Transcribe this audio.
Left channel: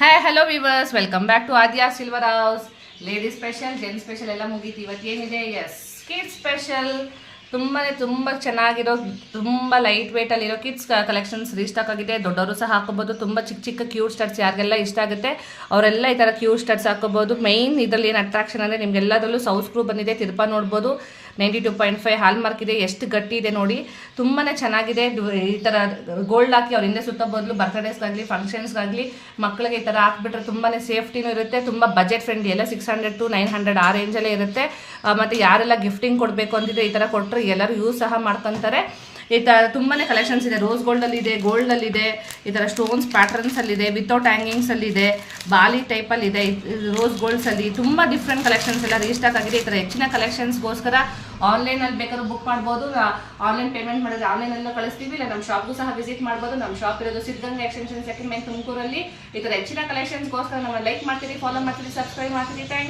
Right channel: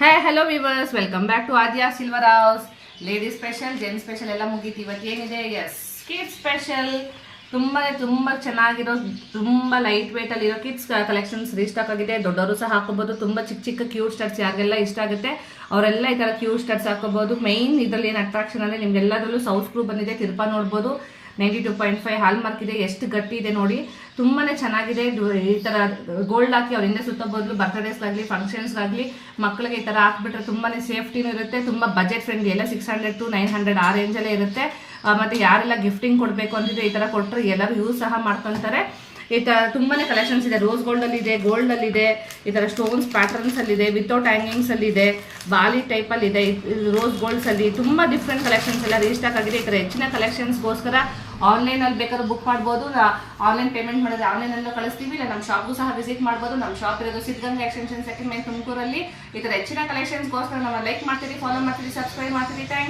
Hi hello viewers, welcome back to Aadya silver house. Ladies special, gents special ಎಲ್ಲ ಮುಗೀತು. ಇವತ್ತು ಏನಿದೆ, ಎಸ್ ಕಿಡ್ಸ್ ಸ್ಪೆಷಲ್. ತುಂಬ ಚೆನ್ನಾಗಿರೋ, ತುಂಬ ಲೈಟ್ ವೆಯ್ಟಲ್ಲಿರೋ ಕಿಡ್ಸ್ ಕಲೆಕ್ಷನ್ಸ್ ರೀಸ್ಟಾಕ್ ಆಗಿದೆ. ದೊಡ್ಡವರು ಸಹ ಹಾಕೋಬೋದು. ತುಂಬ ಚಿಕ್ಕ ಚಿಕ್ಕ ಕ್ಯೂಟ್ ಸ್ಟಡ್ಸ್ ಯಾರಿಗೆಲ್ಲ ಇಷ್ಟ ಆಗುತ್ತೆ ಅವರೆಲ್ಲ ಈ ಥರ ಕ್ಯೂಟ್ ಸ್ಟಡ್ಸ್ ಹಾಕೋಬೋದು. ಮೈನ್ ಇದರಲ್ಲಿ ಏನು ಅಟ್ರಾಕ್ಷನ್ ಅಂದರೆ ನಿಮಗೆಲ್ಲದರಲ್ಲೂ ಸೌತ್ ಸ್ಕ್ರೂ ಬಂದಿದೆ. ತಿರುಪ ನೋಡ್ಬೋದು. 92.5 ಹಾಲ್ ಮಾರ್ಕ್ ಇದೆ. ಎಷ್ಟು ಗಟ್ಟಿ ಇದೆ ನೋಡಿ, ತುಂಬಾ ಚೆನ್ನಾಗಿದೆ. ಈ ಥರ ಗೋಲ್ಡ್ ಹಾಕಿ ಅವ್ರ ಹಿಂದೆ ಸುತ್ತ ಬದಲು ಬರ್ತ್ಡೇಸ್ಗಾಗಲಿ ಫಂಕ್ಷನ್ಸ್ಗಾಗಲಿ ಮಕ್ಕಳಿಗೆ ಈ ಥರ ಹಾಕ್ಬಿಟ್ರೆ ತುಂಬಾ ಸೇಫ್ಟಿನೂ ಇರುತ್ತೆ. ತುಂಬ ಬಜೆಟ್ ಫ್ರೆಂಡ್ಲಿ, ಎಲ್ಲ 600 to 900 ಆ ರೇಂಜಲ್ಲೇ ಇರುತ್ತೆ. ಮತ್ತು ಯಾರೆಲ್ಲ ಗಿಫ್ಟಿಂಗ್ ಕೊಡಬೇಕು ಅಂತಿದ್ರೆ ಈ ಥರ ಕೊಟ್ಟರೆ ಎಲ್ಲರೂ ಯೂಸ್ ಸಹ ಮಾಡ್ಕೊತಾರೆ. ಈ ಥರ ತುಂಬಾ ಕಲೆಕ್ಷನ್ಸ್ ಇದೆ. ರೋಸ್ ಗೋಲ್ಡಲ್ಲಿದೆ, ಗೋಲ್ಡಲ್ಲಿದೆ, ಈ ಥರ ಸ್ಟೋನ್ಸ್ ಪ್ಯಾಟರ್ನ್ಸಲ್ಲಿದೆ, ವಿತೌಟ್ ಹ್ಯಾಂಗಿಂಗ್ಸಲ್ಲಿದೆ, ಬಾಲಿ ಟೈಪಲ್ಲಿದೆ, ರೋಸ್ ಗೋಲ್ಡ್ಸಲ್ಲಿ ತುಂಬ ಡಿಫ್ರೆಂಟ್ ಕಲೆಕ್ಷನ್ಸ್ ಎಲ್ಲ ರೀಸ್ಟಾಕ್ ಆಗಿದೆ. ಈ ಥರ ಹೆಚ್ಚಿನ ಕಲೆಕ್ಷನ್ಸ್ಗೋಸ್ಕರ ಆನ್ಲೈನಲ್ಲಿ ಬೇಕಾದ್ರೂ ಬುಕ್ ಮಾಡ್ಬೋದು. ಆನ್ಲೈನ್ ಪೇಮೆಂಟ್ ಮಾಡಿದ್ರೆ ಆನ್ಲೈನಲ್ಲೂ ಕಳಿಸ್ತೀವಿ, ಇಲ್ಲ ನಮ್ಮ ಶಾಪ್ಗೂ ಸಹ ವಿಸಿಟ್ ಮಾಡ್ಬೋದು. ನಮ್ಮ ಶಾಪ್ ಇರೋದು ಸಿದ್ಧಗಂಗಾ ಎಕ್ಸ್ಟೆನ್ಷನ್ ಸೆಕೆಂಡ್ ಮೈನ್ ತುಮಕೂರಲ್ಲಿ. ಈ ಥರ ಹೆಚ್ಚಿನ ಕಲೆಕ್ಷನ್ಸ್ಗೋಸ್ಕರ ನಮ್ಮ ಲೈಕ್ ಮಾಡ್ತೀರಿ, ಫಾಲೋ ಮಾಡ್ತೀರಿ, ಸಬ್ಸ್ಕ್ರೈಬ್ ಮಾಡ್ತೀರಿ. ಥ್ಯಾಂಕ್